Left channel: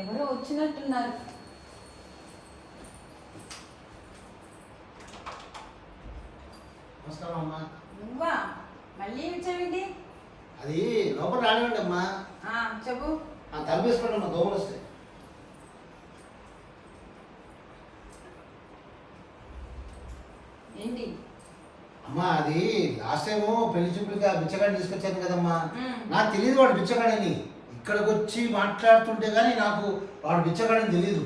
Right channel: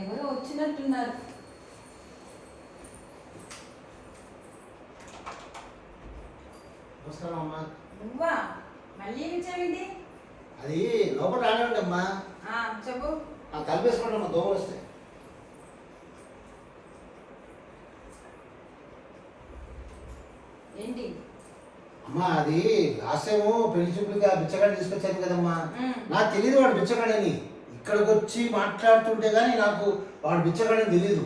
ఎవరో వచ్చినట్టున్నారు. నమస్కారం అమ్మా. నువ్వా మళ్ళీ వచ్చావేంటి? అది లోపల రానివ్వండి అమ్మా. చెప్పు. తలపేసుకోండి అమ్మా, దోమలు వస్తాయి. ఏంటి అమ్మా అది లాస్ట్ టైము పెళ్లి చూపులుగా బిచ్చగాడిని తీసుకొచ్చాను కదమ్మా. నాకు తెలియదు వాడు బిచ్చగాడని. ఇక్కడికి వచ్చి మాట్లాడుతుంటే కానీ నాకు వాడు బిచ్చగాడని తెలియదు.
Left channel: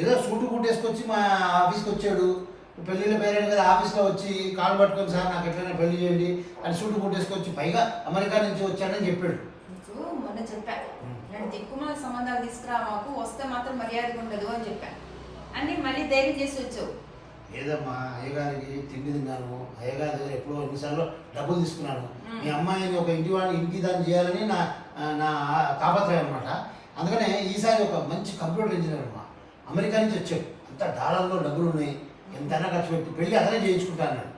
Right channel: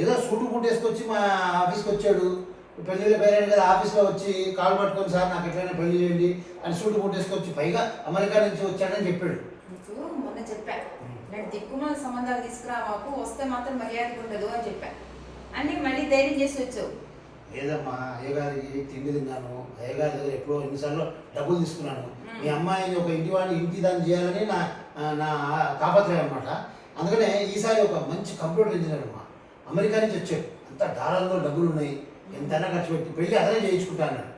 ఏదో సూటు కుట్టేసుకొచ్చి మా ఆఫీస్కి వచ్చాడు. పెళ్ళిళ్ళు పేరాను కదా, ఆఫీస్లో వచ్చి కాలు పట్టుకొని సార్ నాకు ఎట్లయినా పెళ్లి చేయండి అని సూటు కుట్టేసుకొచ్చి పైగా అమెరికా నుంచి వచ్చాడని చెప్పాడు. నీకు మొన్న చెప్పా, ఇలాంటి దిక్కుమాల సంబంధాలు తీసుకురా, మాకు వస్తే మాత్రం మర్యాదగా ఉండదు అని చెప్పా. అన్నీ మళ్ళీ ధైర్యం చేసి వచ్చావు. లేదమ్మా, అయ్యగారికి తిండి తిన్నాను. అయ్యగారి దగ్గర ఎప్పుడో ఎన్నిసార్లు డబ్బులు తీసుకున్నాను. మీ అమ్మాయిని ఒక ఇంటి దాన్ని చేయాలని నా నా తాపత్రయం అనమాట. అందుకనే ఈసారి ఒక మంచి కంప్యూటర్ ఇంజనీర్ అమ్మా అమెరికా నుంచి వచ్చాడు. అంత డాలర్లో డబ్బులు ఉన్నాయి, ఎంతైనా ఖర్చు పెట్టి పెళ్ళి అతనే చేయించుకుంటా అన్నాడు.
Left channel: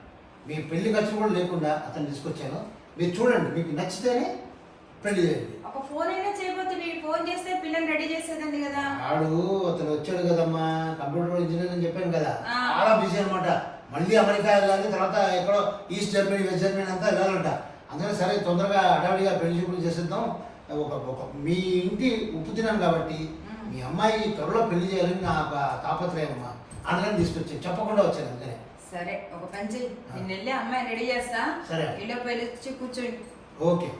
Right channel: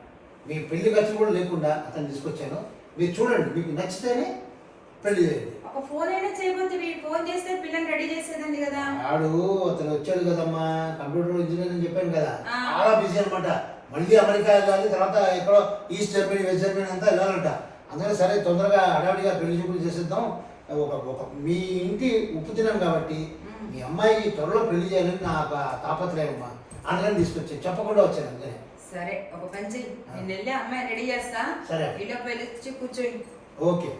మీ పెళ్లి ఖర్చు కూడా లేకుండా అతను తీసుకొచ్చాను. మీరు చూడండి, మీకు నచ్చితేనే పెళ్లి చేయండి. ఒక ఫోన్ అయినా చేయబోతే ఫోన్ చేస్తే పిల్లని రెడీ చేసేదండి కదా. ఆడు అతను వచ్చాడు కదమ్మా, కంప్యూటర్ ఇంజనీర్ అని చెప్పాను కదా, చాలా బిజీ అనమాట. మళ్ళీ అమెరికా వెళ్ళాలి, తర్వాత ఎక్కడో ఈస్ట్ జర్మనీ వెస్ట్ జర్మనీ అంతా వెళ్ళాలంట. అందుకని సరే తొందరగా హడావిడిగా పెళ్లి చూపులు చేసేద్దాం. ఒక మీ ఇంటి ఉప్పు తిన్నాను కాబట్టి మీ అమ్మాయి త్వరలో పెళ్లి చేయాలని నా తాపత్రయం అమ్మా. అందుకని తీసుకొచ్చాను, చెప్పకుండా వచ్చాను. అందుకనే సరే ఒక పని చెయ్యి, నేను వెళ్ళి అమ్మాయి రెడీ చేస్తా. సరే ఇంట్లో పెళ్లి వచ్చి కూర్చోండి. ఓకే.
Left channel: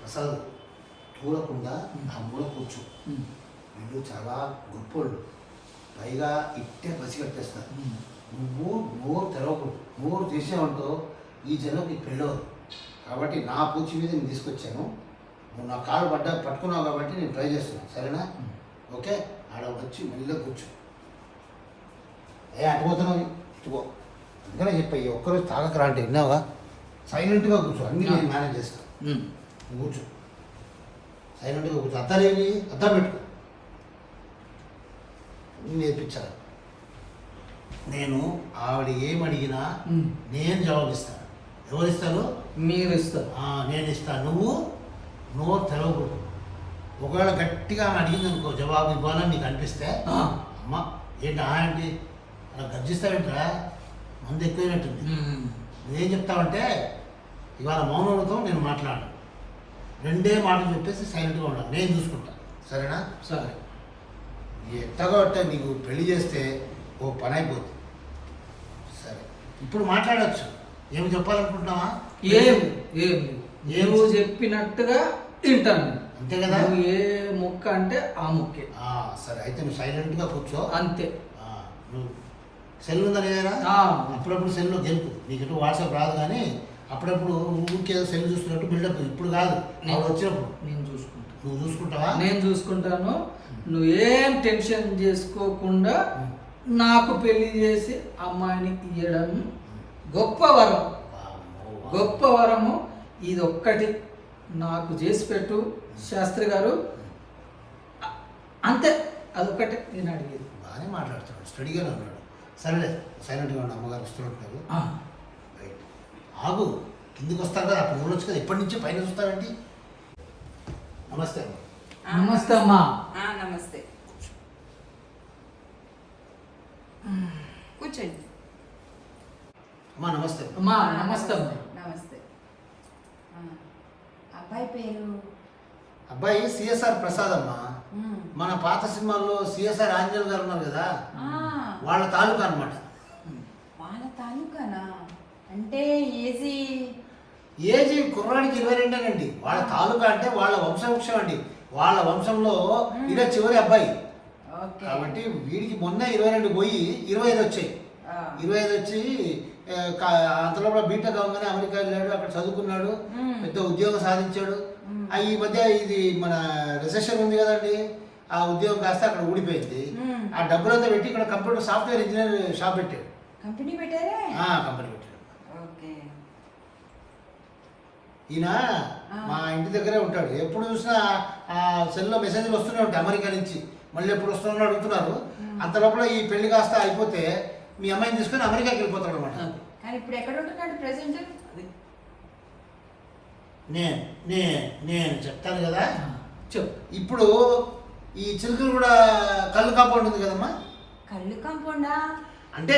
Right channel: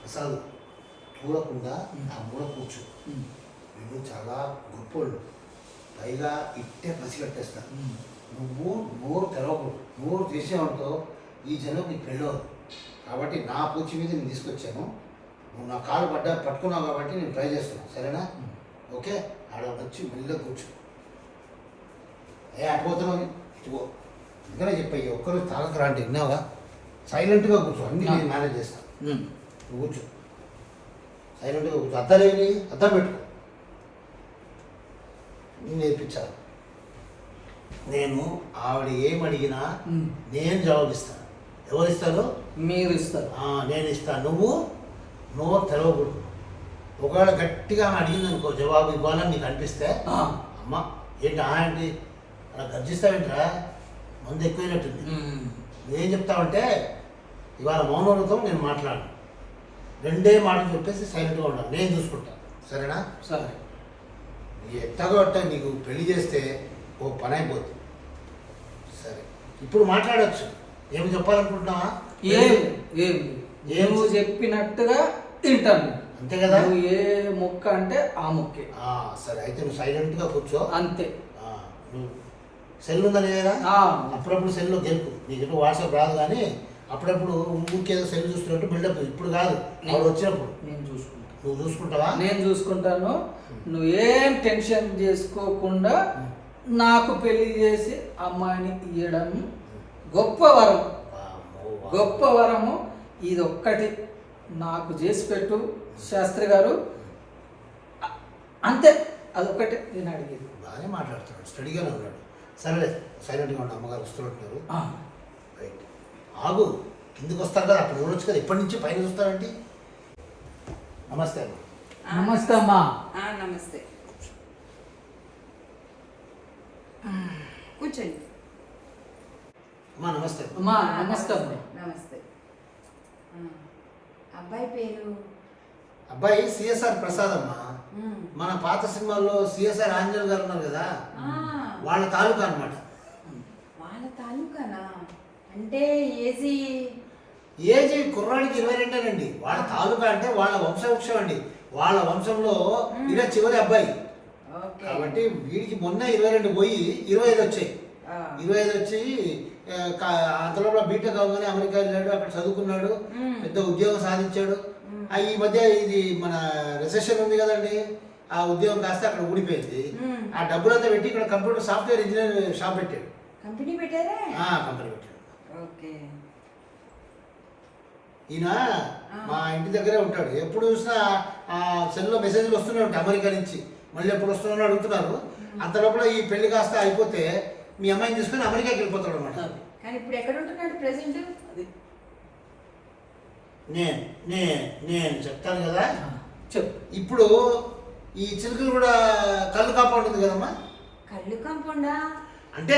ప్రసాద్ చూడకుండా నా మూల కూర్చో. వీళ్ళు చాలా గొప్పోళ్ళు, పైగా ఇట్టే పసి కట్టేస్తారు. నువ్వు నోరు తెరవకూడదు. నోరు తీసేవంటో ఈ జనం నీకు పెళ్ళవదు. కాబట్టి నా పూచి మీద నేను తీసుకొచ్చాను. నువ్వు నా కాలు పట్టుకున్నావు కాబట్టి నేను ట్రై చేస్తాను, సరేనా? ఓకే. ఆడ వచ్చి మళ్ళీ కూర్చో. అటుపోతున్నావు ఇటుకో. అందుకనే చెప్పాయి, ఒక్కరోజు తాగకరా అంటే విన్నావా? సైలెంట్గా కూర్చో, అన్నీ నేను మేనేజ్ చేస్తాను. నువ్వు కూర్చో, సైలెంట్గా కూర్చో. అద్దలేని అద్దం పెట్టుకో. నేను నేర్పించాలి. నేను ఆవిడ ఏమడిగినా నేను జవాబిస్తాను. ఎవరు ఇస్తారు? మీరు ఇస్తారు. నేను ఇస్తాను. నువ్వు నోరు తెరవకూడదు. ఒకవేళ గట్టిగా అడిగింది అనుకో, జవాబు ఇవ్వాలని నీకు అనిపిస్తే అమ్మ ఏంటి ఏంటి అలా గర్జిస్తావేంట్రా, మందు ఎక్కువైనట్టుంది. నువ్వేం చెప్తావంటే ఇవాళ మౌనవ్రతం నేను మాట్లాడను, రెండే మాటలు చెప్పేసి సైలెంట్గా ఉండాలి, నేను చూసుకుంటాను, సరేనా? సరే. ఎట్టగో అట్ట నీకు పెళ్లి చేస్తే ఓ పని అయిపోద్ది. సరే ఇప్పుడు మాట్లాడవచ్చు. ఏమి చెప్పాలనుకుంటున్నావా? నువ్వు చెప్పినట్టుగా తింటాను, అంతే కదా? నువ్వు ఏ ముక్క అంటే ఆ ముక్కే. సరే అయితే నువ్వు సైలెంట్గా కూర్చో. అంతే. నువ్వు సెల్ ఉందా లేదా? అప్పుడప్పుడు సెల్లో గెలుపు. నీకు వాట్సాప్ రాదు కానీ అప్పుడప్పుడు ఊరికేదో సెల్ చూస్తున్నట్టు బిల్డప్. ఇప్పుడు కాదు, వాళ్ళు వచ్చినప్పుడు నేను చూసుకుంటాను. నువ్వు చూసుకుంటావా? నేను చూసుకుంటాను. నువ్వేం టెన్షన్ చేసుకోకుండా నాకు పెళ్లి చేసి అమ్మాయిని ఇయ్యడం గొప్ప వరం, గొప్ప వరము. ఇది ఒక్కటి నాకు చేసి పెట్టు శాస్త్రి గారు, అంతే. అదొక్కటే నేను అడిగేది. బాగానే మాట్లాడుతున్నాడు, స్టడీగానే ఉన్నాడు. సరేలే, సైలెంట్గా ఉండి అమ్మగారు వస్తున్నట్టు. రైట్, ఆగు. కిందికి వస్తారు కదా, అప్పుడు చూడొచ్చు కదా. ఇప్పటి నుంచి పైన చూస్తావేంటి? నమస్తే. నమస్తే అమ్మా. నమస్తే, కూర్చోండి. అమ్మా నమస్తే. అమ్మా నమస్తే అమ్మా. నమస్తే. అబ్బాయి పేరు? అబ్బాయి సిఎస్ఆర్ ప్రసాద్ అమ్మా. మన పాత సినిమాల్లో సిఎస్ఆర్ ఆంజనేయులు గారు ఉన్నారు కదా, వాళ్ళ తాలూకా అనమాట. వాళ్ళ తాలూకానా? అంటే ఏజీ కుర్రాడికి 22 అండి. వాళ్ళ తాలూకా అంటే వాళ్ళ వంశవృక్షం అండి. వాళ్ళ వంశంలో ఈయన చివరి అబ్బాయి కాబట్టి వీడికి మొన్న 22 పోయి 25 వచ్చాయి. 25 వచ్చి అంతలోపల బీటెక్ అవగానే అమెరికా వెళ్ళాడు, అక్కడ చదువుకున్నాడు, పెద్ద ఉద్యోగం సాధించాడు. ఈ మధ్య ఇది మన రిసెషన్ ఉంది కదండి, ఆ ఉద్యోగం కాస్త అక్కడ ఊడిపోయింది. ఆ డబ్బులంతా పెట్టి ఇక్కడ కంప్యూటర్ సాఫ్ట్వేర్ ఇంజనీర్ షాప్ పెట్టాడు. కంపెనీ పెట్టారా? కంపెనీ పెట్టాడు. ఓకే. ఈయన మా ఇంటి దగ్గరే ఉంటాడు. ఎప్పుడు చూసినా ఆ సెల్లో మెసేజ్లు వస్తూనే ఉంటాయి అమెరికా నుంచి. మళ్ళీ ఎప్పుడు వస్తున్నారో అడుగుతున్నారు. అంత లోపల ఈ పెళ్లి కాస్త అయిపోతే మీ అమ్మాయిని తీసుకొని అమెరికాకి వెళ్ళిపోతాడు అనమాట. కానీ ఇప్పుడు ఎక్కడ ఉంటున్నాడు ప్రెసెంట్? అది నేను చెప్తాను కదా. చెప్పు. ఇప్పుడు ఈ చిలుకలు కూడా కళ్ళు కాంపౌండ్ ఉంది కదమ్మా. కళ్ళు కాంపౌండా? అంటే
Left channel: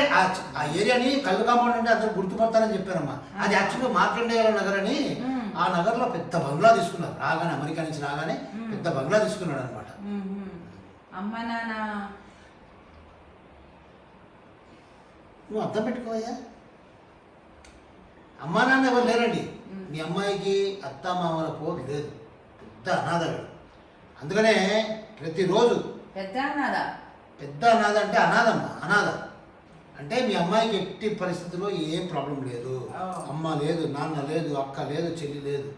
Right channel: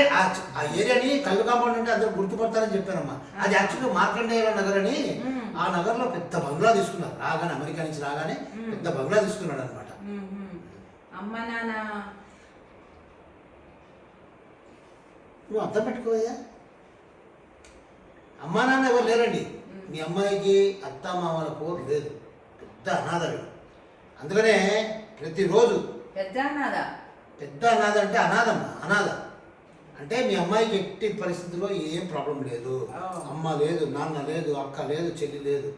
ఆ ఏరియాని కళ్ళు కాంపౌండ్ అంటే అందరూ గుర్తుపడతారని చెప్పారమ్మా. అది యాక్చువల్గా మార్కండేయ నగర్ అని. ఆ నగర్లో పెద్ద బంగ్లా తీసుకున్నారు. రాగానే అమెరికా నుంచి రాగానే పెద్ద బంగ్లా తీసుకున్నాడు అనమాట. అమ్మ నాన్న నువ్వు అర్థం పెట్టుకోవయ్యా. అమ్మా నాన్న ఎవరు లేరండి. మీ అమ్మాయికి అత్త మామల పోరు లేదు. పెద్ద అనాథలు. అందుకనే ప్రతిరోజు పెద్ద అన్నదా? పెద్ద అనాథ అంటే అనాథమ్మా. అనాథ అంటే మీ అమ్మాయికి ఎట్టి పరిస్థితుల్లో ఏం ప్రాబ్లం లేదు. అమ్మ లేదు, నాన్న లేదు, అక్క లేదు, చెల్లి లేదు.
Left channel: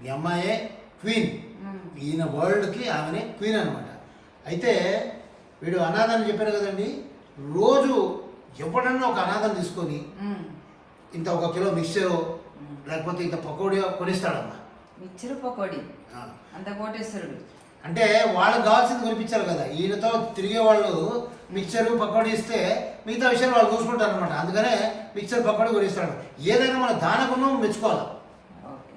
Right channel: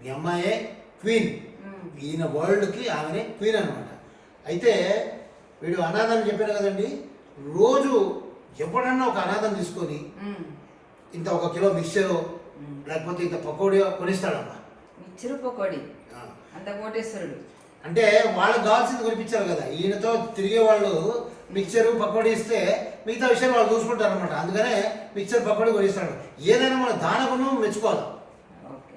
మీ అమ్మాయే క్వీన్. ఈయన వరల్డ్కి ఆమెనే క్వీన్ అనమాట. అయితే వీడు అనాథ అని చెప్పారు కదండి. రోజు ఎప్పుడన్నా ఒక అనాథం తీసుకొని ఇంత 1 కిలో మిక్చరు లేకపోతే ఇంత పకోడీ కొనిస్తాడమ్మా. మిక్చరు పకోడీ అంత కోటేశ్వరుడు. అంటే వాళ్ళకి కావాల్సింది కొనిపించారు కదా. ఈయనతో తిరిగే వాళ్ళు మిక్చరు పకోడీ ఇస్తే మిగతా విషయాలు వాళ్ళు చూసుకుంటారు అనమాట. అందుకనే మిక్చర్ పకోడీ కొనిస్తాడు. ఏదైనా మనం దానగుణం మెచ్చుకోవాలి. ఓకే.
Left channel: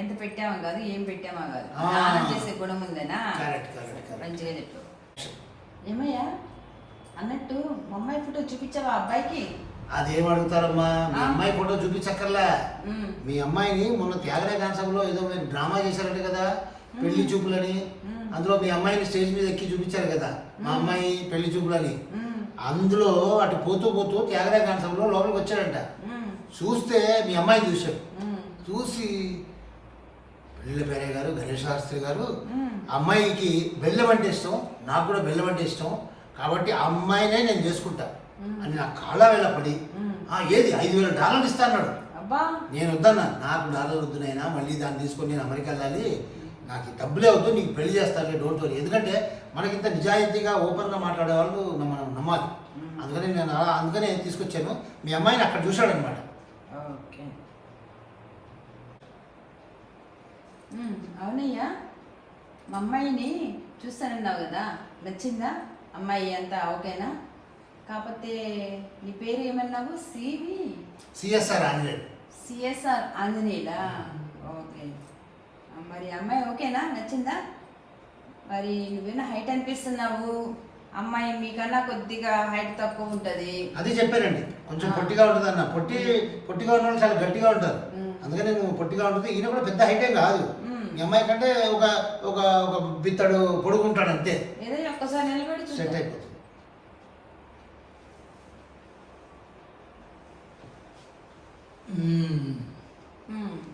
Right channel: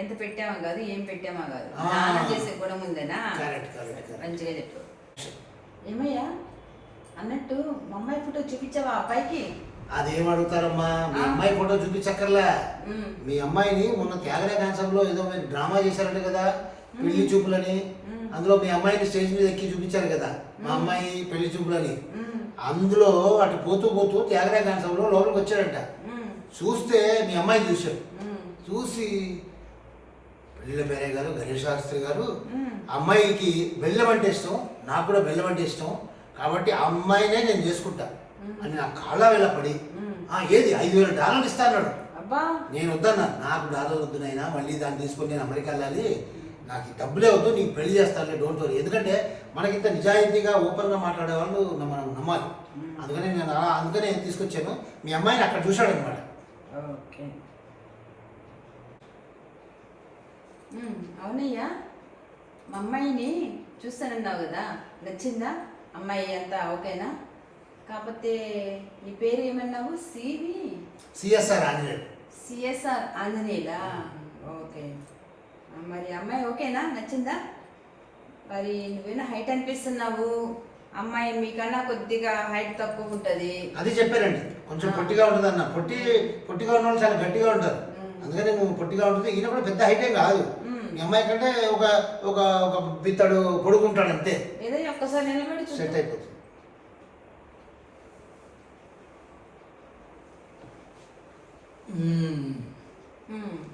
ఎంత పెట్టామా కాదు, ఏం పెట్టామా కాదు, దానం చేసే గుణం ఉందేనా? మంచిగా చెప్పు. ఏమయ్యా అన్నట్టు మా అమ్మాయి ఫోటో చూపించావా అబ్బాయికి? అదేం అడుగుతారమ్మా. మీ అమ్మాయి ఫోటో చూపించక్కర్లే. మీ అమ్మాయిని మొన్న త్యాగరాయ కాన్సెప్ట్లో ఏదో మీరు డ్రామా చేశారంట కదా, పెళ్లి చూపులని. అందులో మీ అమ్మాయిని స్టేజ్ మీద ఎక్కి చూపించారు కదా, మా అమ్మాయి పెళ్లి చూపులని. అందులో అటు పోతూ పోతూ త్యాగరాయ కాన్సెప్ట్లో లోపలికి వచ్చాడంట. చూస్తే మీ అమ్మాయి చూశాడు. చూసి పెళ్ళిళ్ళ పేరే గారు, గణేష్ శాస్త్రి గారు, అమ్మాయికి బెల్లం అంటే ఇష్టం, నాకు కూడా బెల్లం అంటే ఇష్టం, కాబట్టి ఆ అమ్మాయినే నేను చేసుకుంటా అని నా కాళ్ళ వెళ్ళపడి ఏది $5,000 ఇస్తా అన్నాడు. నేను వద్దన్నా. నాకు డాలర్లు వద్దునైనా, మళ్ళీ దాన్ని తీసుకొని నేను అమెరికా వెళ్ళాలి, నాకు ఈ డబ్బులే వద్దు, నీకు పెళ్లి చేస్తాను, డోంట్ వరీ. ఎందుకంటే మనకింత నిజాయితీగా ఓపెన్గా మాట్లాడే వాళ్ళు మనం నమ్మాలి. అందుకనే తీసుకొచ్చాను. మీ అమ్మాయిని అక్కడ చూశాడనమాట. ఓకే. అవునయ్యా, మా అమ్మాయిని చూస్తానన్నావు కదా, నచ్చిందా అమ్మాయి? అంతా ఓకేనా? కాకపోతే నీ పేరు ఏమన్నావు? సిఎస్ఆర్ ఆంజనేయులు. సిఎస్ఆర్ ఆంజనేయులా? ఓకే. మరి అమ్మాయి ఓకేనా, నచ్చిందా? మరి నువ్వేనా హైట్ అనిపిస్తున్నావు, అమ్మాయి మీకన్నా కొద్దిగా హైట్ తక్కువ ఉంటుంది. అది చెప్పారండి, కొంచెం పొట్టిగా ఉంటుంది అన్న. పొట్టిగా ఉన్న వాళ్ళు చాలా గట్టిగా ఉంటారు. అందుకని నువ్వు పొట్టిగా ఉంటుంది. ఈయన కూడా పెద్ద హైటే కాదు. మీ అమ్మాయి కంటే ఒక ఒక ఒక బిత్తడు పొడుగుంటాడు అంతే. ఏదో ఒక్కసారి నిలబడి సెట్ అయిపోతుంది.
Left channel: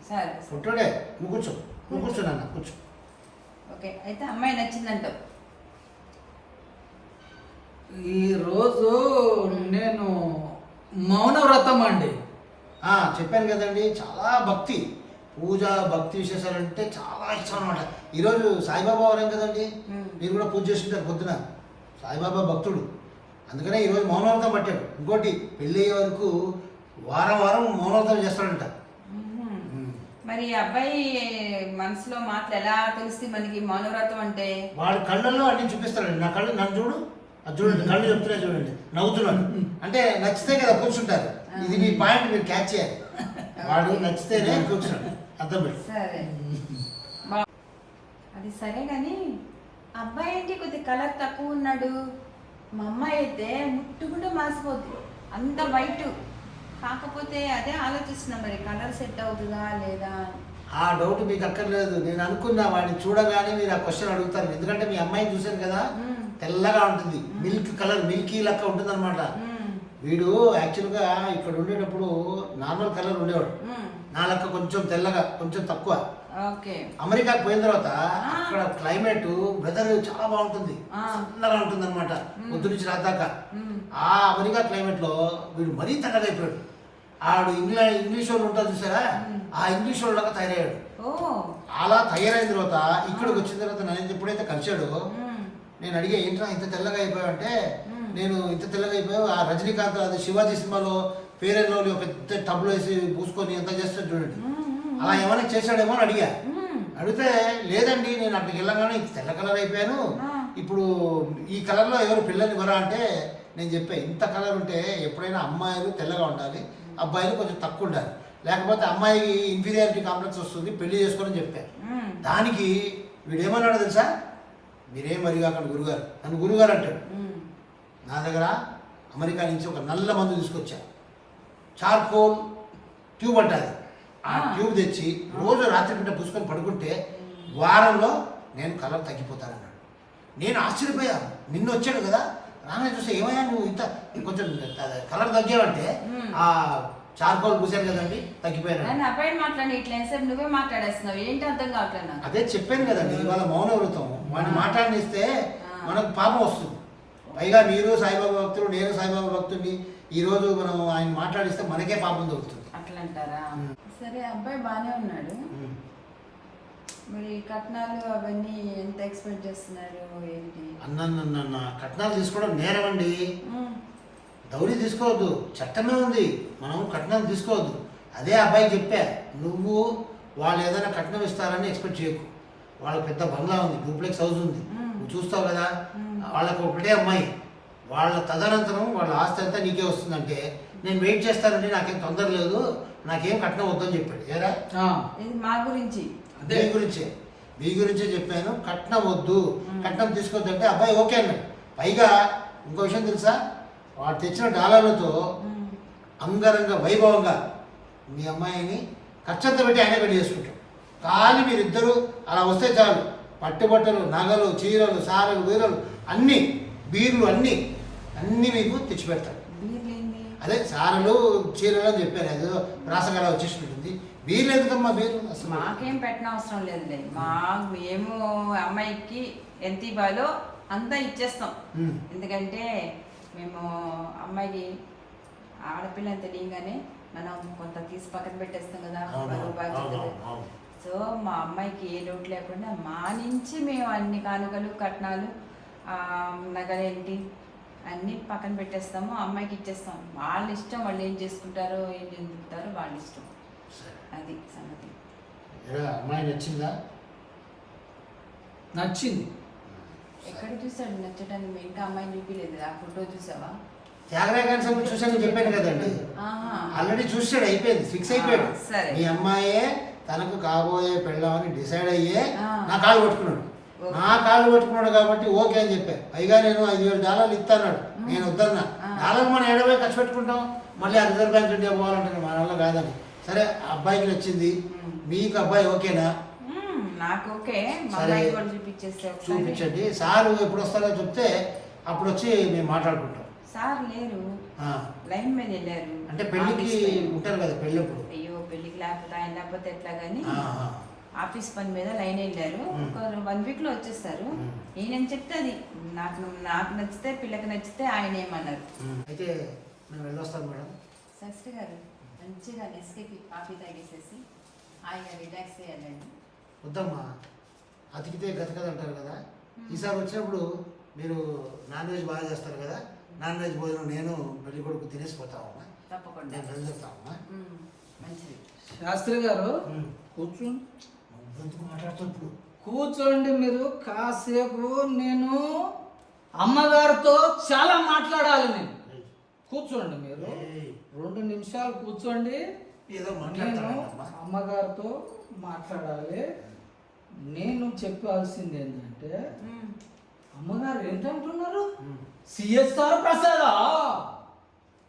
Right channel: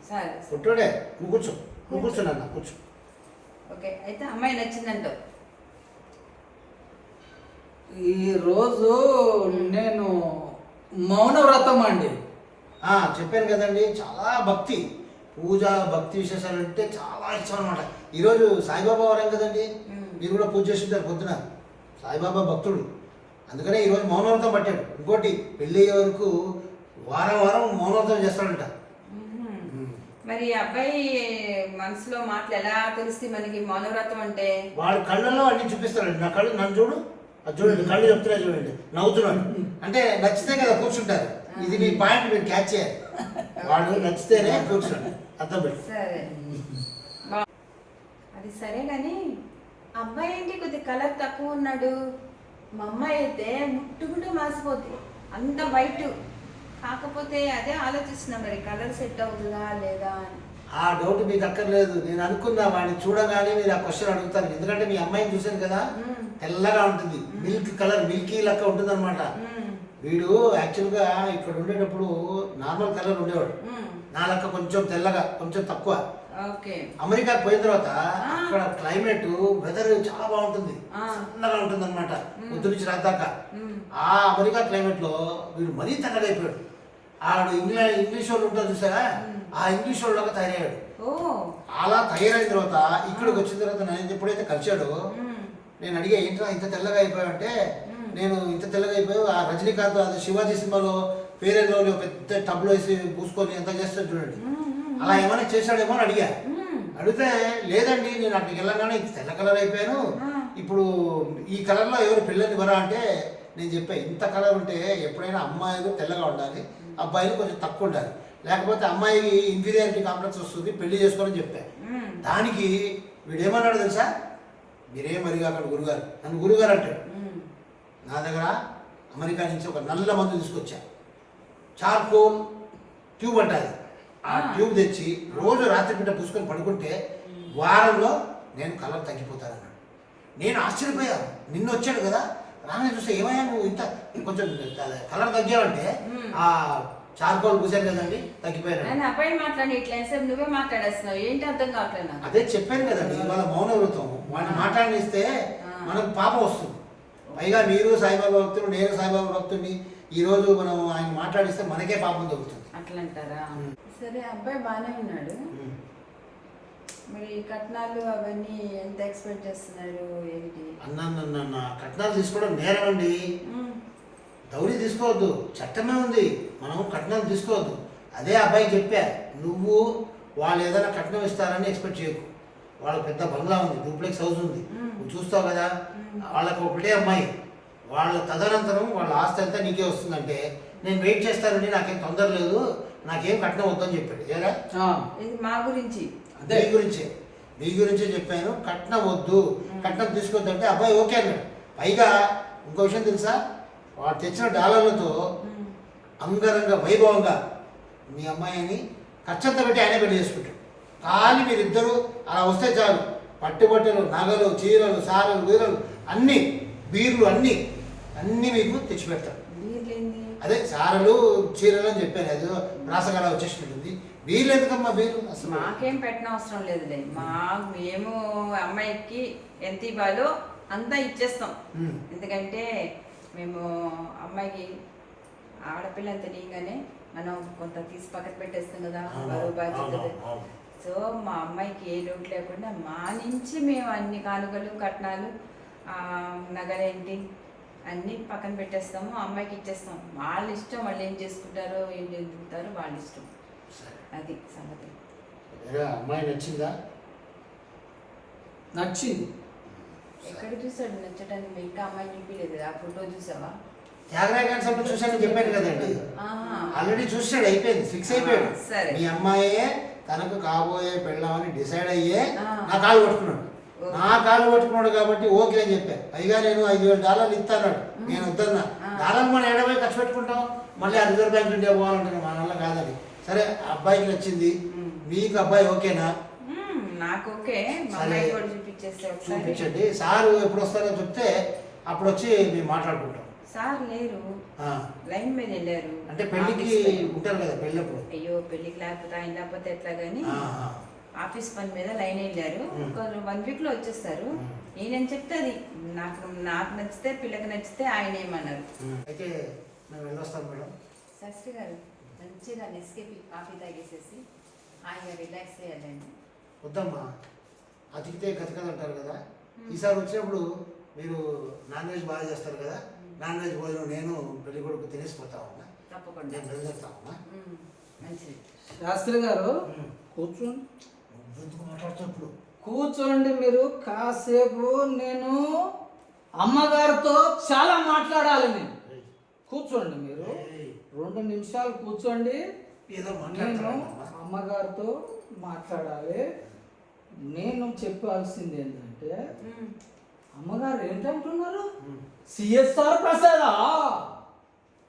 సరే పొట్టుడే. నువ్వు కూర్చోనన్నా కూర్చో. ఓకే. అయితే అమ్మాయి నచ్చిందంటావు? ఈరోజు నేను మౌనవ్రతం అండి. చెప్పాను కదండి, చాలా భక్తి, పూజ, భక్తి విశేషాలు అంటే చాలా ఇష్టం అనమాట. ఈరోజు సాయిబాబా వారం కదండి, మీరు కూడా పూజ చేస్తుంటారు పొద్దున. సాయిబాబా భక్తుడు, అందుకనే ఈరోజు మౌనవ్రతం పట్టాడు. ఇంకోటి పెళ్ళి అయ్యే వరకు వారం మౌనవ్రతం చేస్తాడంట. మరి అబ్బాయి మనసులో మాటలు ఎలా తెలిసి మనకి మౌనవ్రతం అంటే? వాడు కళ్ళల్లో అన్ని చూపిస్తాడండి. నా కళ్ళు, నన్ను చూడు, అది చూడండి, కళ్ళు చెప్తున్నాయి చూడండి, నవ్వుతున్నాడు. అంటే నచ్చితే కదా కూర్చుంటారు. ఇది మీ పాయింట్, మీరు క్యాచ్ చేయాలి. వాడు నచ్చితేనే కూర్చున్నాడు, అర్థం పెట్టి. సరే, అది సరే కానీ అబ్బాయి ఏంటి కొద్దిగా కలర్ తక్కువ ఉన్నాడు, మా అమ్మాయి అయితే ముట్టుకుంటే మాసిపోద్ది, అంత వైట్. కాకపోతే అదే ఆలోచిస్తున్నా, మరి కలర్ సెట్ అవుతుందా లేదా అని. ఆ డౌట్ మీకు అక్కర్లేదు. నేను అనుకున్నా వాడిని చూడగానే మీరు ఆ క్వశ్చన్ అడుగుతారు. ఎందుకంటే మీ అమ్మాయిని చూశాను కదా, తెల్లగా ఉంటుంది, మిల్క్ కలర్, మిల్కీ లెక్క ఉంటుంది అనమాట. వీడు యాక్చువల్గా ఇక్కడ ఉండేటప్పుడు నార్మల్ కలర్ ఉండేవాడు, నా లెక్క కొంచెం తెల్లగా, కొంచెం తక్కువ. అమెరికాకి పోయిన తర్వాత అక్కడ క్లైమేట్, వెదర్ చాలా బాగుంటుంది, చల్లగా ఉంటుంది అనమాట పొద్దు నుంచి రాదాకా. ఆ అమెరికా క్లైమేట్ లో వీడు మరీ తెల్లగా అయిపోయాడు. ఆడు ఇంగ్లీష్ వాళ్ళు ఉంటారు చూసారా, ఆ ఇంగ్లీష్ వాళ్ళగా తయారయ్యాడు. అలా తయారైన తర్వాత ఇక్కడికి వచ్చిన తర్వాత నేను ఎప్పుడైతే కలిశాడో, నేను అడిగా ఏంట్రా ఇంత తెల్లగా అయిపోయావంటే, నేను ఇంత తెల్లగా అయిపోయి ఆ రజనీకాంత్ అది శివాజీ సినిమాలో ఫెయిర్ అండ్ లవ్లీ పెద్ద టబ్లో వేసి పూసుకొని ఎంత చేస్తాడు చూడండి. అలా ఏమైనా చేశాడేమో అని అడిగా. అడిగితే లేదండి నేను అక్కడికి వెళ్ళగానే తెల్ల కలర్ అయిపోయాను, ఇప్పుడు ఈ కలర్లో ఎవరు పిల్లలు ఇవ్వరా అంటే నేను చెప్పాను ఇంత కలర్ ఉంటే ఎప్పుడైనా అమ్మాయిలు తెల్లగా ఉండాలి, అబ్బాయిలు కొంచెం తక్కువ ఉండాలి, లేకపోతే అమ్మాయికి ఇన్ఫీరియారిటీ కాంప్లెక్స్ వస్తుంది, పెళ్లి చేసుకోవాలని చెప్పాను. దానికి వీడేమన్నాడు తెలుసా, మీరేం అడిగాకండి గురుగారు, నన్ను గురుగారు అంటాడు. నా దగ్గర అమెరికా నుంచి ఒక నల్ల మందు తీసుకొచ్చా, చార్కోల్ ట్యూబ్ అంటాది. ఆ ట్యూబ్ తెచ్చి రోజు రాత్రి పూట పూసుకొని పడుకుంటే వారంలో నేను కలర్ తగ్గిపోతానన్నాడు. నేను ఆశ్చర్యపోయా, నిన్న వచ్చాడు కదా రాగానే చూస్తే ఏమయ్యా నువ్వు ఇంత కొంచెం కలర్ తగ్గావంటే ఆ చార్కోల్ పూసాను కదండి తగ్గిపోయాను. అబ్బాయి మాట్లాడి ఇట్లా సేపు నువ్వే మాట్లాడేస్తున్నావు, ఏంటి అర్థం కావట్లేదు. అదే చెప్పాను కదండి, ఇవాళ మౌన వ్రతం వాడిని మాట్లాడిస్తే మనకు పాపం వస్తుంది. పైగా మీరు సాయిబాబా భక్తులు, నేను సాయిబాబా భక్తుడిని, ఈరోజు మనం ఆయన మాట్లాడిస్తే మనకే పాపం దొరుకుతుంది. అట్లా అంటారా? సరే అబ్బాయి బాగానే ఉన్నాడు, మరి కట్నాలు అవన్నీ ఎంత ఎక్స్పెక్ట్ చేస్తున్నారు ఏంటి? అన్న కట్నాలు తీసుకోవడం నేరం అండి. దౌడి తీసుకోవద్దు, చట్టమే ఉంది, మనం కట్నాలు తీసుకోవద్దు. అదే అబ్బాయి చెప్పా, నువ్వు వాళ్ళు ఏదైనా కట్నం ఇస్తారని ఎక్స్పెక్ట్ చేయకు. వాళ్ళ పెద్ద బంగ్లా ఉంది, డూప్లెక్స్ హౌస్ ఉంది, నువ్వు చూస్తావు కదా, వాళ్ళకు ఒకటే అమ్మాయి, వాళ్ళ తదనంతరం వాళ్ళ ఆస్తి అంతా నీకే వస్తుందంటే నేను వెయిట్ చేస్తానండి, నాకేం తొందర లేదు, నాకేం కట్నం వద్దని చెప్పాడు. ఏరా ఇది మా గురించి మీ గురించే చెప్పాను, కట్నం వద్దు, కట్నం తీసుకోవద్దంటే అబ్బాయి ఓకే అన్నాడు. పైగా ఇంకో విషయం తెలుసా, వాడు తెచ్చిన డాలర్లతో అంగరంగ వైభవంగా మీ అమ్మాయిని ఖర్చంతా పెట్టి ఆయన పెళ్లి చేసుకుంటాం. ఖాళీ మీరిద్దరూ అలా వస్తే చాలు, పట్టుబట్టలు, నగలు, చీరలు, సారలు, వీరలు అన్నీ, బీర్లు అన్నీ మీకు తెచ్చిపెడతాడు. అదే సారలు చీరలు అని చెప్పాను, అదేదో రాసగాల వచ్చేసినట్టుంది. బీర్లు ఎందుకమ్మా బీర్లు? అసలు మాకేం పెట్టిన అవసరం లేదులే, మేము అమ్మాయికి ఎంత ఇవ్వాలో అంతా ఇచ్చేస్తాం. ఎందుకంటే మేము అమ్మాయికి ఆడపిల్ల తెలియగానే మనం కొంత తీసి పక్కన పెట్టేస్తాం కదా బాధ్యతలు. సో మా అమ్మాయికి ఏ లోటు లేకుండా మా నుంచి మేము అన్ని కానుకలు, కట్నాలు, నగలేంటి అన్నీ పక్కన పెట్టేస్తాము, అమ్మాయికి ఇచ్చేస్తాం. వాళ్ళ ఇష్టం, వాళ్ళు ఏం చేసుకుంటారో ఏం చేసుకుంటారో వాళ్ళ ఇష్టం. అది సంగతి. అమ్మాయి నచ్చిందా? నచ్చింది. ఎక్కడ చూసాడు నచ్చటానికి? ఇంకా అమ్మాయి చూపించలేదు, ఆ ఫోటో చూసావా? త్యాగరాయ గారి సంబంధం చూసాను చెప్పాను కదండి, ఆల్రెడీ చూసాడు, అయిపోయింది, ఫిక్స్ అయిపోయాడు. మీ అమ్మాయే తనకు కాబోయే పెళ్ళామని డిసైడ్ అయ్యే నా కాలు పట్టుకున్నాడు కాబట్టి ఓకే అని చెప్పాను. పైగా నేను $5,000 ఇస్తాను, నేను వద్దన్నా. డాలర్ మనం ఏడవై ఖర్చు పెట్టుకుంటాం, మళ్ళీ ఆ రిజర్వ్ బ్యాంక్ ఇండియా పోవాలంటే మన వల్ల కాదని. సరే అబ్బాయికి నచ్చింది, మీకు అబ్బాయి ఓకేనా? నాకు ఓకే, చూపించండి. సారు ఎప్పుడు వస్తారో చెప్తే అప్పుడు వచ్చి మేము మాట్లాడుకుంటాం. సార్ లేరు, లైన్ మీద వెళ్ళారు. అంటే పెళ్లికి ఉంటారు కదా, పెళ్ళప్పుడు. అయ్యో పెళ్లికి లేకపోతే ఆయన లేకపోతే ఎట్లా కానీ ఆఫీస్ పని మీద లైన్ వెళ్ళారు. 1 week లో వచ్చేస్తారు. నేనేం చెప్తే అది నాకు నచ్చితే, పిల్లకి నచ్చితే ఆయన ఏమన్నారు. అయితే మేము వెళ్ళొస్తాం మేడం. శాస్త్రి గారు మంచిగా నెస్కేపీ కాఫీ తాగేసేసి ఆయన రిలాక్స్ చేయాలండి. వద్దమ్మా, అతికితే గతకదంటారు కదా. ఈసారి వచ్చినప్పుడు మీరు నాన్ వెజ్ బాగా చేస్తారు కదా, నాన్ వెజ్ భోజనం నేను పెళ్లి కొడుకు తినేసిపోతామమ్మా. తప్పకుండా నేను బయలుదేరుతామమ్మా. మంచిది. శాస్త్రి గారు కూర్చోండి. మాట్లాడుతూ కూర్చోండి మీరు కాసేపు. నేను అమ్మగారితో చాలా మాట్లాడాలి. నేను కూర్చోండి, మీరు 2 నిమిషాలు కూర్చోండి. ఏదో అమ్మగారితో మాట్లాడాలి. నేను చెప్పాల్సింది ఏంటంటే, అమ్మగారు ఏంటంటున్నారు? సిఎస్ఆర్ ప్రసాదా,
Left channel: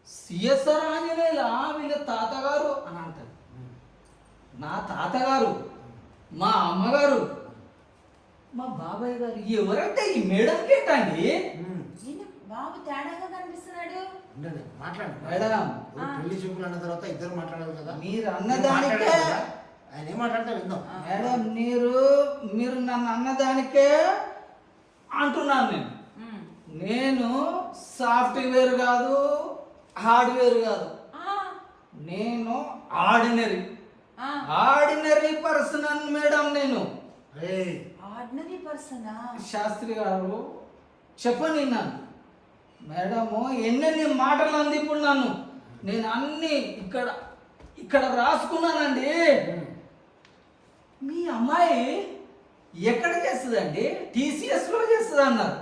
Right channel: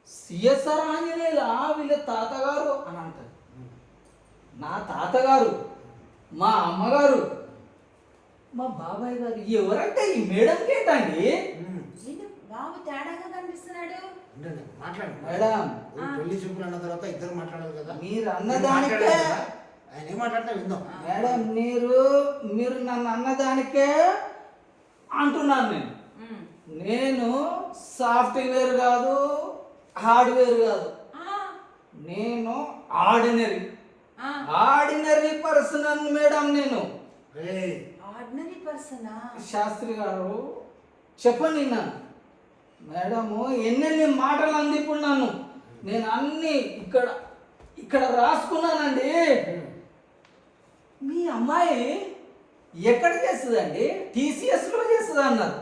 సిఎస్ఆర్ ఆంజనేయుల వీళ్ళ తాతగారు అని అంటారు. నా తాతగారు, మా అమ్మగారు, మా బాబాయ్ గారు ఎవరంటే ఈ మేడంకి ఏంటండి? బాబు తేడాగా కనిపిస్తున్నాడు. మేడం పెళ్లి చూపులు అన్న తర్వాత ఇద్దరు మాట్లాడాలి కదా. మీరు అన్నదానికే ఆయన ఏం మాట్లాడతా విందాం. మేడం మీరు నన్ను అన్నదానికే అంటున్నాను. నేను సాఫ్ట్వేర్ కాదు, హార్డ్వేర్ కాదు, నేను ఆర్డినరీ పర్సన్ మేడం. నేను ఆర్డినరీ పర్సనా? శాస్త్రి గారు చెప్పండి, నన్ను మేడము ఎన్నెన్ని మాటలు అంది ఇప్పుడు నన్ను. నేను అన్ని ఇక్కడ ఇక్కడ రాసుకున్నానండి. మీ అమ్మాయి ఎక్కడ చేస్తుందండి? టీసీఎస్లో చేస్తుంది అన్నారు.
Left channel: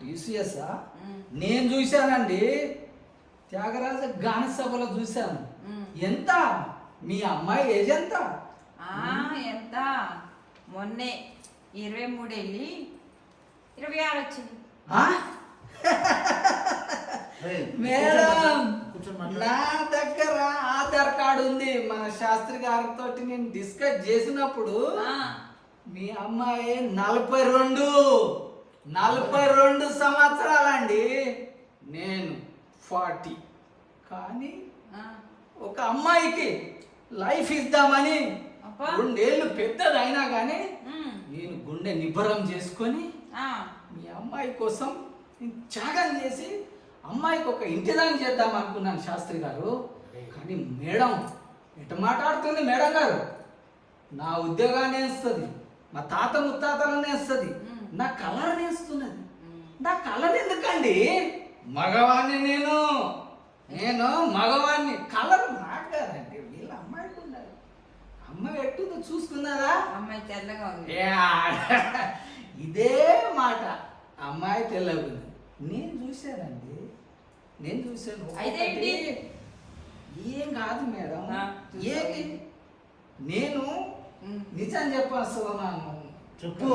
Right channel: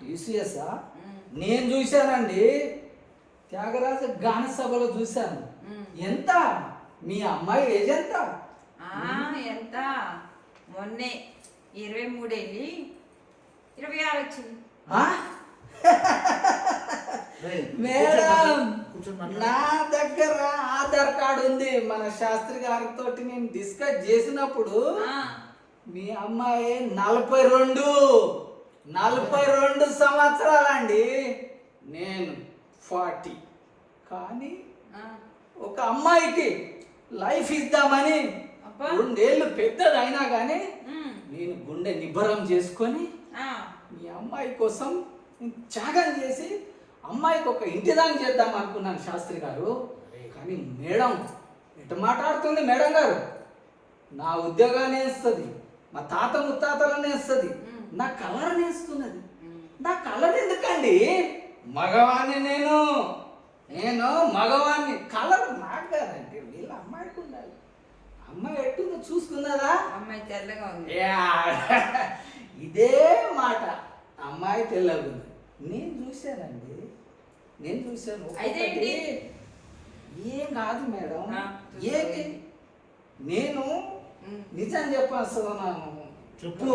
టీసీఎస్ఆ? నేను చూశానండి, త్యాగరాజ గాన సభలో చూశాను. ఎంత మీ అమ్మాయి ఏజ్ ఎంత? ఎంత మొన్నే 23 వెళ్ళి 26 వచ్చింది. మేడం నా దగ్గర ఆధార్ కార్డు ఉంది. మన శాస్త్రి గారితో నేను డిస్కస్ చేసినప్పుడు మీ అమ్మాయి 42 సంవత్సరాలండి, నేను 40. కానీ ఒక అమ్మాయికి లైఫ్ ఇద్దామని 2 ఏళ్ళు పెద్దదైనా కానీ నేను గుండె నిబ్బరం చేసుకొని మీ అమ్మాయి కోసం నేను త్యాగం చేసి అమ్మాయికి ఒక ఇంటిదాన్ని చేద్దాం అనుకున్నాను శాస్త్రి గారు. కానీ మేడం ఎటు మాట్లాడుతుంది మేడం గారు? నా ఉద్యోగాన్ని వేస్తుంది, మా తాత ముత్తాతలనే వేస్తుంది, నా కలర్ వేస్తున్నది. నా కలర్ ఎందుకండి? మగవాణ్ణి నేను మగవాణ్ణి. కలర్ నాకు కాదండి, వీళ్ళ అమ్మాయికి ఉండాలి. అమ్మాయి ఎట్టుందో చూసుకున్నదా? అమ్మాయి తెల్లగా ఉంది. ఇదే మాట, అమ్మాయి తెల్లగా ఉంది. నేను చూశానండి, నేను చూశాను. అయితే ఏం కాదు మేడం, ఏంటి నేను నిజం చెప్పేస్తున్నాను. చెప్పు,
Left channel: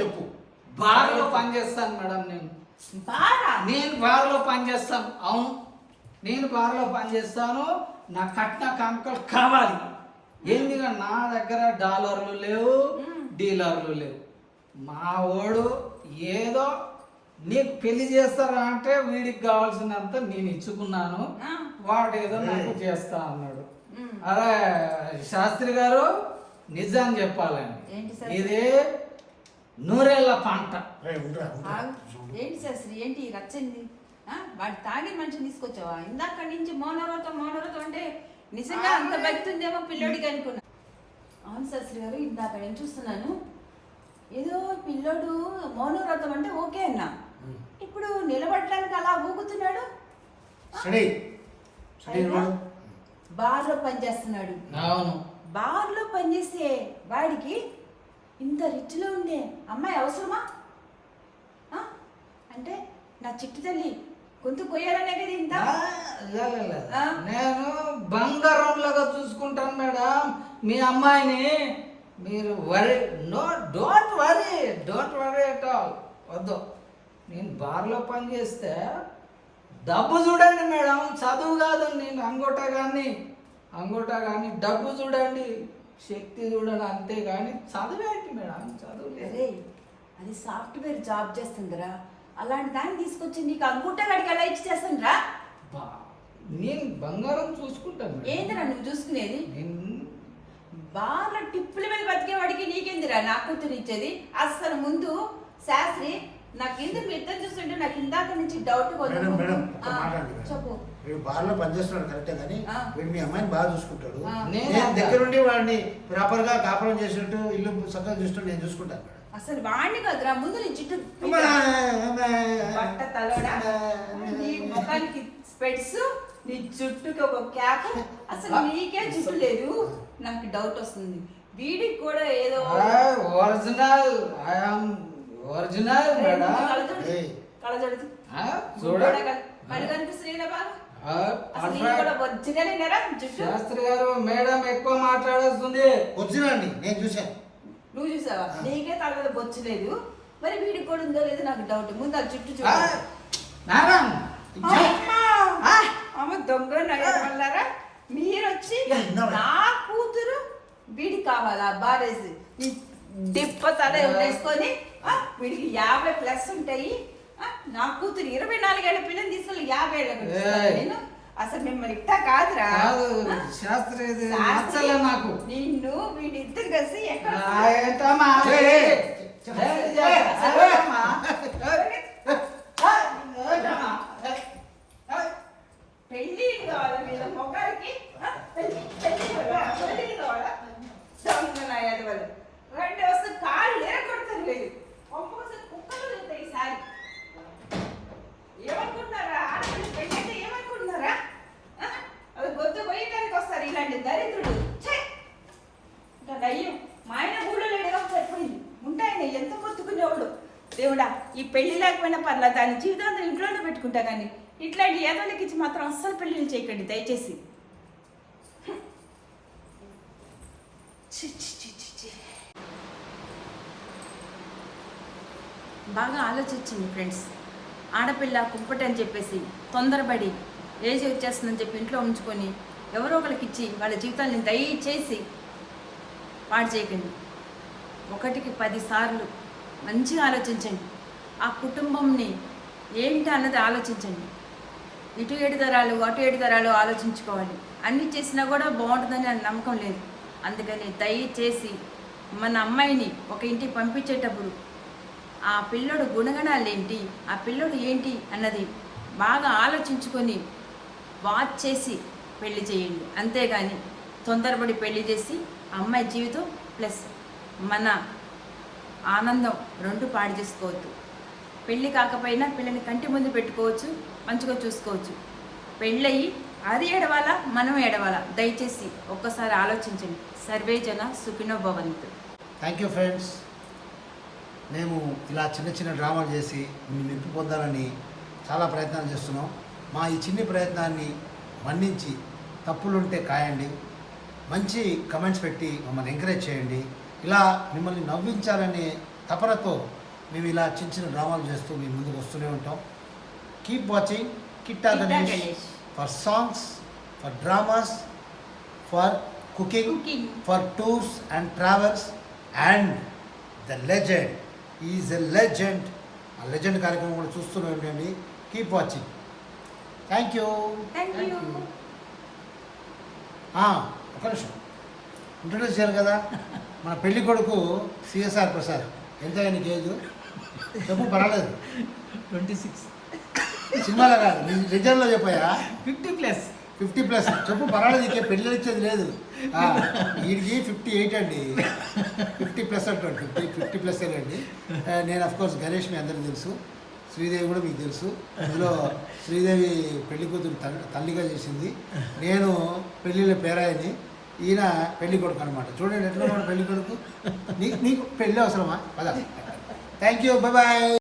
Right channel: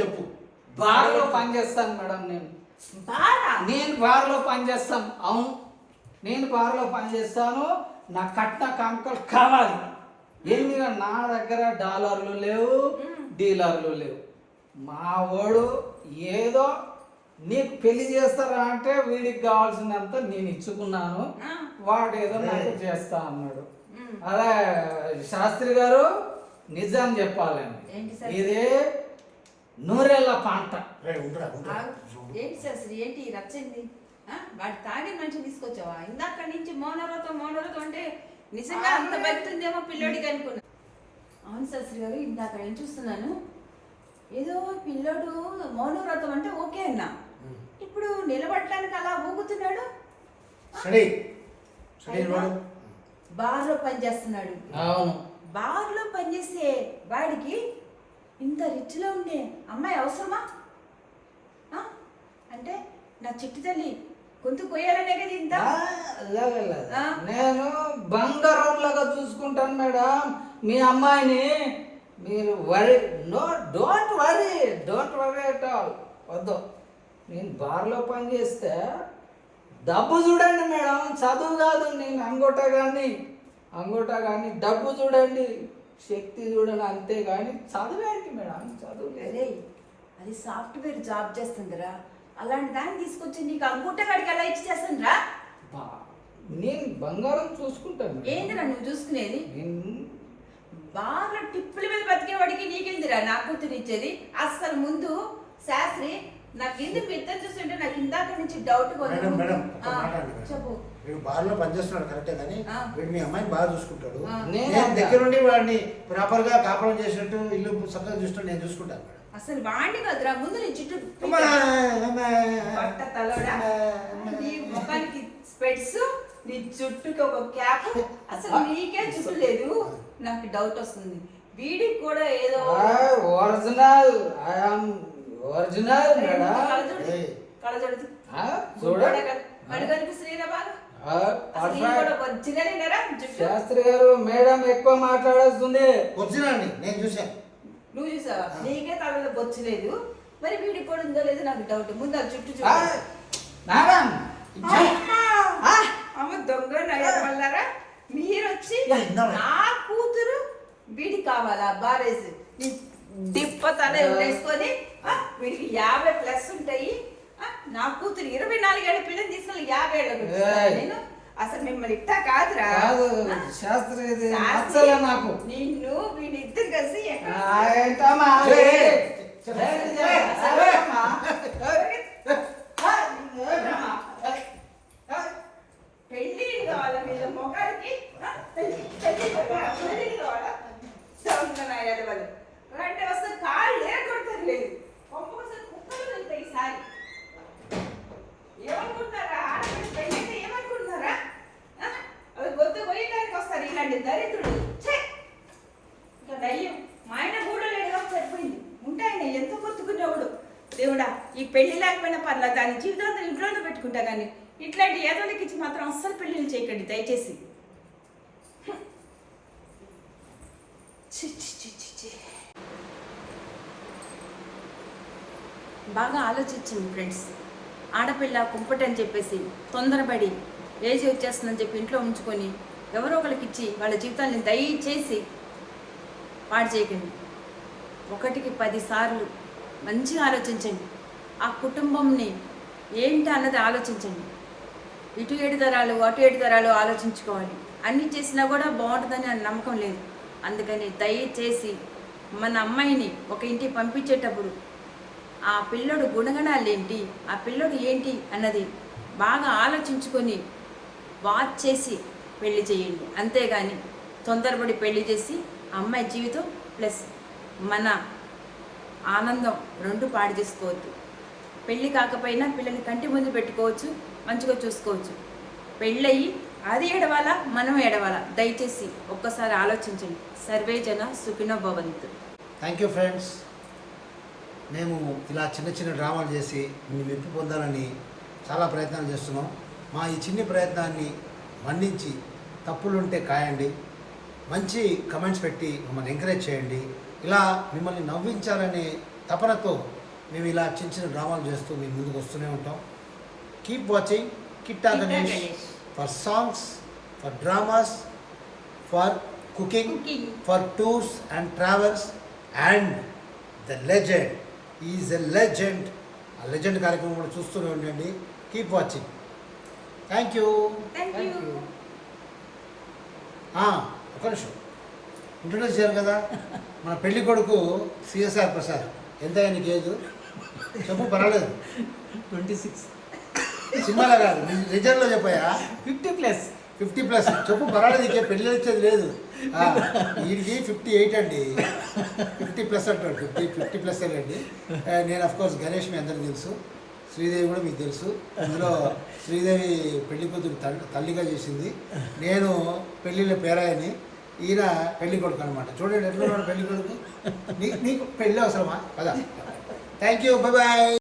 చెప్పు. బార్లో పనిచేస్తాను మేడం. నేను బార్లో పనిచేస్తాను. అవును, నేను బార్లో పనిచేస్తాను. నా కట్న కానుకలు కావాలి. ఎందుకంటే నా దగ్గర డాలర్లు లేవు, డీలర్లు లేవు. మా వాడు ఏదో నీకు పెళ్లి చేస్తారా అంటే వీడికి కావాల్సినంత నేను ఇచ్చుకున్నాను, వాడు ఏదో నాకు చేస్తా అన్నాడు. అదే శాస్త్రి గారు నిజం చెప్పాలండి, ఇదే 100 ఏళ్ల పంట. ఏంటి శాస్త్రి, ఏంటి రచ్చింది? వాడు తాగి మనిషిని తీసుకొచ్చావా? ఇందాక నుంచి మౌనవ్రతం అంటే నిజంగా అంత బయటుందేమో పిల్లోడికి అనుకున్నా. అవును శాస్త్రి గారు, ఇందాక నేను చూస్తున్నాను, ఏదో పిల్లోడు మౌనవ్రతం అంటే ఓకే అన్నా, ఇప్పుడు నిలబడటానికి అలా ఊగుతున్నాడు. బార్లో పనిచేస్తున్నాడు. బార్లో పనిచేసే వాడికి ఇంత రిచ్లో ఉండే అమ్మాయి అవసరమా? అంటే నా చిట్టు తల్లి గొంతు కొయ్యాలనే కదా ఇంత. నేను బంగారంలాగా చూసుకుంటాను మేడం మీ అమ్మాయిని. మీరు డోంట్ వరీ అట్ ఆల్. వద్దు, నేను బార్లో పనిచేస్తే డబ్బు చూడండి మేడం, చదువు కాదు. నేను అంగోటా కానీ డబ్బు చూడండి, శక్తి చూడండి, అంతే కానీ చదువు ఏంటి మేడం? చదువు అరే, అది సాఫ్ట్వేర్ జాబ్ చేస్తుందిరా. అలాంటి దాన్ని తీసుకొచ్చి నీకు అంగుట్ట కాడికి ఎలా ఇచ్చి చేస్తానురా? నేను బంగారం చూసుకుంటాను. ఏందిరా నువ్వు చూసుకునేది? బాగా టిప్పుల మీద బతికేవాడికి నీకేందిరా నా కూతురు ఇచ్చేది? అసలు ముందు శాస్త్రి నాకు ఎందుకు ఇద్దరు చూస్తుంటే నాకు ఇందాక నుంచి డౌట్. చెప్పు, వీడు బార్లో పనిచేస్తున్నాడు కరెక్టే, కానీ వీడు మీ అమ్మాయిని బాగా చూసుకుంటాడు. నేను దగ్గరుండి వాడిని ప్రాపర్ గా కాపురం చేసినట్టు ఇల్లు చక్కగా చూస్తుంటే నేను చూసుకుంటాను మేడం. అసలు వాడిని కదరా ముందు నీ చుట్టూ బట్ట తలవడా, నీ ముఖానికి స్పెట్స్, నీ జుట్టుకి ఒక క్యాప్, అసలు నీకే జుట్టు లేదు. నాకు డౌట్ వస్తుంది. వీడికి కూడా ఏదో ఒరిజినల్ శాస్త్రి గారు మేడం ఎక్కువ మాట్లాడేస్తుంది. ఒరిజినల్ నేను చూసాను. నువ్వు చూసావా? నీకే తల మీద బొచ్చలేదు, మరి వీడికి కూడా ఉందో లేదో నాకు డౌట్. ముందు ఆ జుట్టు అమ్మ దొంగ నగరారా మీరు వచ్చి నా కూతురు వీడికి కావాలా బారేసి డిప్ప తల వేసుకొని వీడికి 50+ ఉంటాయి. నా కూతురు 24 ఏళ్ళ పిల్లని తీసుకొని 50 ఏళ్ళ నేను అసలు మిమ్మల్ని ఇట్టా కాదురా. శాస్త్రి నాకు నిన్ను వీడిద్దరు కలిసి పెళ్లి కావాలా వీళ్ళ మొగారికి? పెళ్లి కావాలా? రెండు వస్తే కాళ్ళు ఎరగొడుతుంది లేదు, కుక్కలు వెళ్తాయి ఈసారి. దేవుడా ఈ పెళ్లి లేకపోయినా పర్లేదు దాని జీవితాంతం ఇంట్లోనే పెట్టుకుంటా కానీ ఇట్లాంటి ఏదోళ్ళకి ఇచ్చి మాత్రం అస్సలు పెళ్లిని చేయకండి దయచేసి. చి, చి, చి, చి, చి. బాగా ఆలోచించండి ఫ్రెండ్స్. ఆడపిల్ల కుంపటి అని చెప్పేసి తొందరపడి ఏజ్ వచ్చేస్తుందని చెప్పి ఇంట్లో ఉంచుకొని ఎవరో ఒకరికి ఇచ్చి వాళ్ళ జీవితాన్ని దయచేసి పాడు చేయకండి. 1కి 10 సార్లు మంచిగా ఆలోచించండి. ఆ కుటుంబంని ఏంటి అన్నది ఆలోచించండి. ఇటు 7 తరాలు అటు 7 తరాలు ఆలోచించుకోవాలి. అన్నీ చేసినా కూడా బాగుంటుందని నాకు నమ్మకం లేదు. అందుకని దయచేసి మన అమ్మాయిని ఒక ఇంటికి పంపించేటప్పుడు ఆ పిల్లడు గుణగణాలు ఏంటి, ఆ పిల్లడు ఏంటి అన్నది బాగా ఆలోచించుకొని వాచ్ చేసి పెళ్లి చేయండి. అంతేగాని తొందరపడి పెళ్లి చేసి అమ్మాయి జీవితం ప్లస్ మన ఆనందం 2 పాడు చేసుకోవద్దు. పెళ్ళి కాకపోయినా పిల్లని కంటి ముందు పెట్టుకోవచ్చు, మంచిగా చూసుకోవచ్చు. పెళ్ళయి అది ఎడవాలా మనం ఎడవాలా దయచేసి ఒక్కసారి ఆలోచించండి. సర్వే జన సుఖినో భవంతు. Thank you friends. మేము ఇలా చిన్న చిన్న డ్రామాలు చేసి మీ మెప్పు పొందాలని చాలా ప్రయత్నాలు చేస్తున్నాం. మా ఈ చిన్ని ప్రయత్నాన్ని మన్నించి తప్పులుంటే కాయండి, మంచి కమెంట్స్ పెట్టి మమ్మల్ని ఎంకరేజ్ చేయండి. ఇలా మిమ్మల్ని నవ్వించాలనే తపనతో మేము ఇలా చిన్న చిన్న డ్రామాలు చేస్తూ మీ ముందుకు వస్తూనే ఉంటాం. Keep watching Kitta Ganesh for songs, for dramas, for cooking, for tours and travels and the legend is a legend. ఆ లెజెండ్ కార్యక్రమం కూడా చూస్తూనే ఉండండి. Keep watching. Thank you. ఒక నిమిషం ఇంట్రొడ్యూస్ చేయాలి కదా. మన పెళ్లి కొడుకు సిఎస్ఆర్ ప్రసాద్. ఎంత నీకు ఏజ్ చెప్పు, పర్వాలేదు. 26. సినిమాలో కాదు, నీ రిజర్వ్లో చెప్పాయా? 50+. 50+ చెప్పు, పర్వాలేదు. ఇంకే పెళ్ళి ఇచ్చేది లేదు. వీడికి 58 అండి. 50+ అంటాడు. 50+ అండి. నేను అఫ్కోర్స్ గణేష్ మీ అందరికీ తెలుసు, శ్రీదేవి కూడా మీకు తెలుసు. ఇందులో శ్రీదేవి పెళ్లి కూతురు తల్లిగా చేసింది, నేను పెళ్ళిళ్ళ పేరాయని, ఈయన పెళ్లి కొడుకు అనమాట. చూడండి ఎట్లా ఉన్నాడు పెళ్లి కొడుకు. నీకు పెళ్ళి అవసరమా? పద. Thank you, bye bye.